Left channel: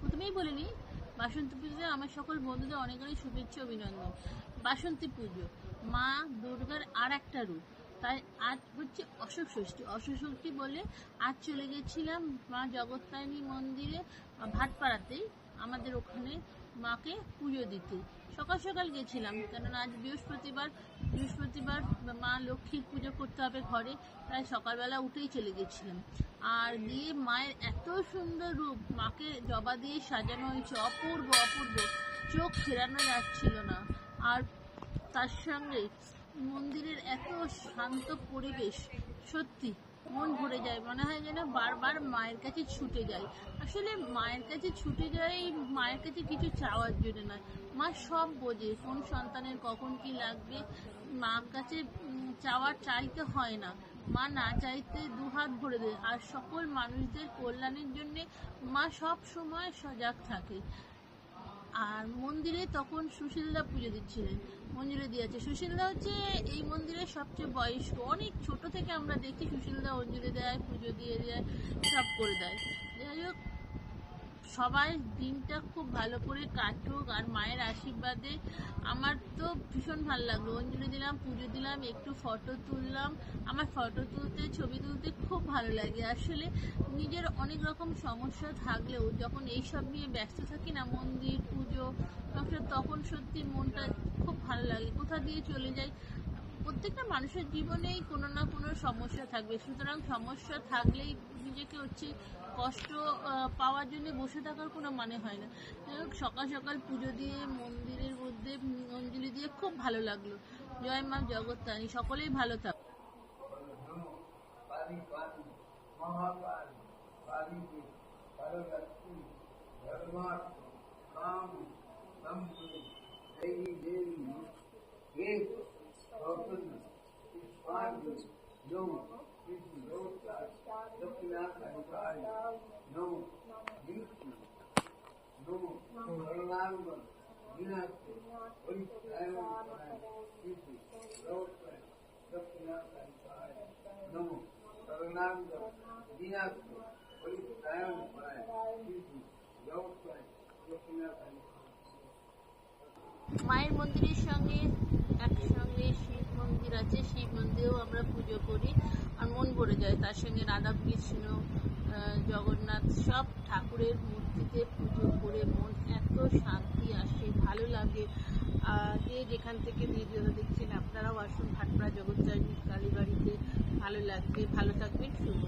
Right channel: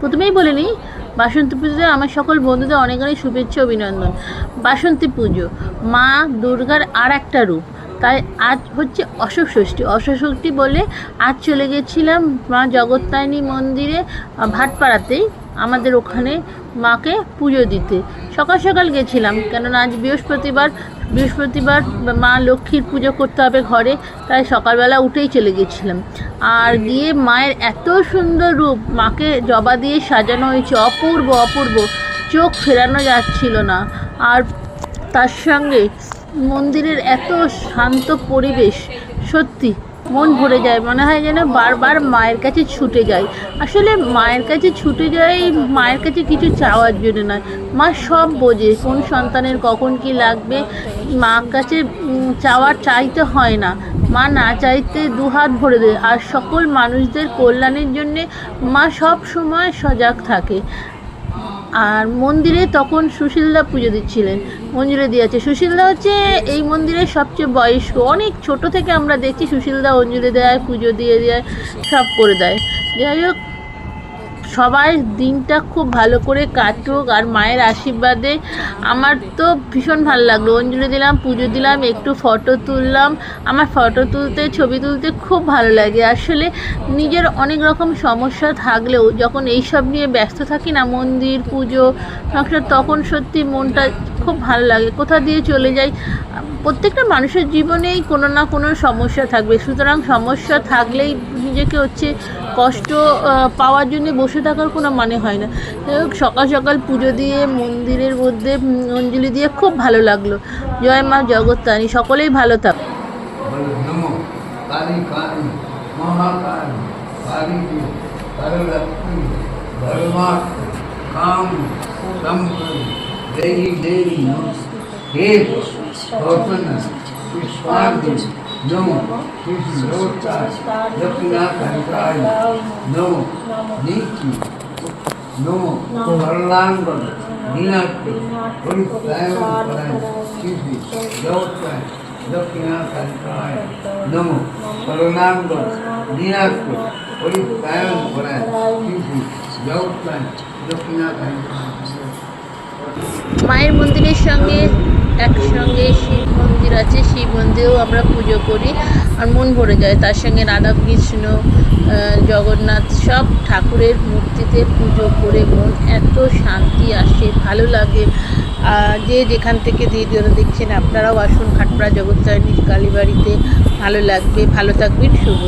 প্রথমেই বলে নিই, বাসন্তী পুজোতে আমার সকল বন্ধুদের অনেক অনেক শুভেচ্ছা অভিনন্দন। বাসন্তী পুজো মা দুর্গার আর একটা রূপ, তাই আজ হচ্ছে অশোক ষষ্ঠী। অশোক ষষ্ঠী বলে আজ চলে গেছিলাম মা জগত্তারিণী মন্দিরে, ভাটপাড়াতেই আমাদের ওখানে মাকে পুজো দিতে। সকাল সকাল গেছিলাম, কেননা আজ বৃহস্পতিবার মা লক্ষ্মীর পুজো করতে হবে ঘরে, তাই সকালবেলা উঠেই চলে গেছিলাম। আর গিয়ে মায়ের এত সুন্দর রূপ, মাকে জবা দিয়ে সাজানো হয়েছে, অপূর্ব অপূর্ব, চোখ ফেরানো যাচ্ছিল না। আর তার সঙ্গে মন্দিরের এত শান্ত পরিবেশ, সত্যি মন ভরে যায়, মনে হয় যেন বারবার মায়ের কাছে ছুটে যাই। আসলে মায়ের কাছে ছুটে যাই মায়ের কাছে কিছু চাওয়ার জন্য নয়, মা সব বোঝে কোন সন্তানের কখন কি লাগবে। মার কাছে চাইতে হয় না, মা না চাইতে দুহাত ভরে দেয়। আর সকল মানুষদের কল্যাণের জন্যে মা সব সময় সজাগ থাকে। আর মন্দিরে তখন সুশীলদা পুজো দিচ্ছিলেন, অঞ্জলি আছে। সুশীলদা হচ্ছে এই মন্দিরের সবচেয়ে বয়স্ক, অনেক ছোট থেকে আমরা দেখছি সুশীলদা অঞ্জলি দেয়, পুজো দিয়ে দেয়, সব করে দেয়। যাই হোক, সবাই দিনটা খুব ভালো করে কাটুক। আর মায়ের আশীর্বাদে আমার তো ভীষণ ভালো লাগলো। অঞ্জলি দিলাম, পুজো দিলাম, একটু ফটো তুললাম। আমার ফটো তুলতে, ছবি তুলতে খুব ভালো লাগে। আসলে নিজের অনেক রকম সমস্যা থাকলেও যখন এইসব নিয়ে ব্যস্ত থাকি না, মন্দির, পুজো, সংসার, তখন সত্যি মনটা খুব ভালো লাগে, কোথা দিয়ে চলে যায়। প্রত্যেকটা মানুষের জীবনেই কোনো না কোনো সমস্যা থাকবে, সুতরাং সমস্যা থাকলেই নিজেকে হচ্ছে কষ্ট পাওয়ার জন্য বসে থাকার কোনো মানে হয় না। সকাল সকাল পুজো দিয়ে মন্দিরের মধ্যে অঞ্জলি দিয়ে খুব ভালো লাগলো। জয় মা জগত্তারিণী, সকলেই ভালো থাক। नमो दक्षिणाकारिकाय नमो नीति नमो कल्याण मीनाक्षी परित्रायण सिद्धि जगत्ताय दक्षिणाकारिकाय नमो कल्याण मीनाक्षी परित्रायण सिद्धि जगत्ताय दक्षिणाकारिकाय। মায়ের মন্দিরের সঙ্গে একসঙ্গে শিব মন্দির আছে, শিব মন্দিরেও আমরা পুজো করি, আর মন ভরে যায়। তার সঙ্গে রাধা কৃষ্ণ, জগন্নাথ, সব ঠাকুরের মূর্তিতে পুজো করে মন এত শান্তি আসে, ভালো লাগে। যে যেখান থেকে ভিডিওটা দেখছেন আপনারাও আসুন ভাটপাড়া জগত্তারিণী কালীবাড়িতে, ভালো লাগবে। ভালো থাকবেন, শুভ।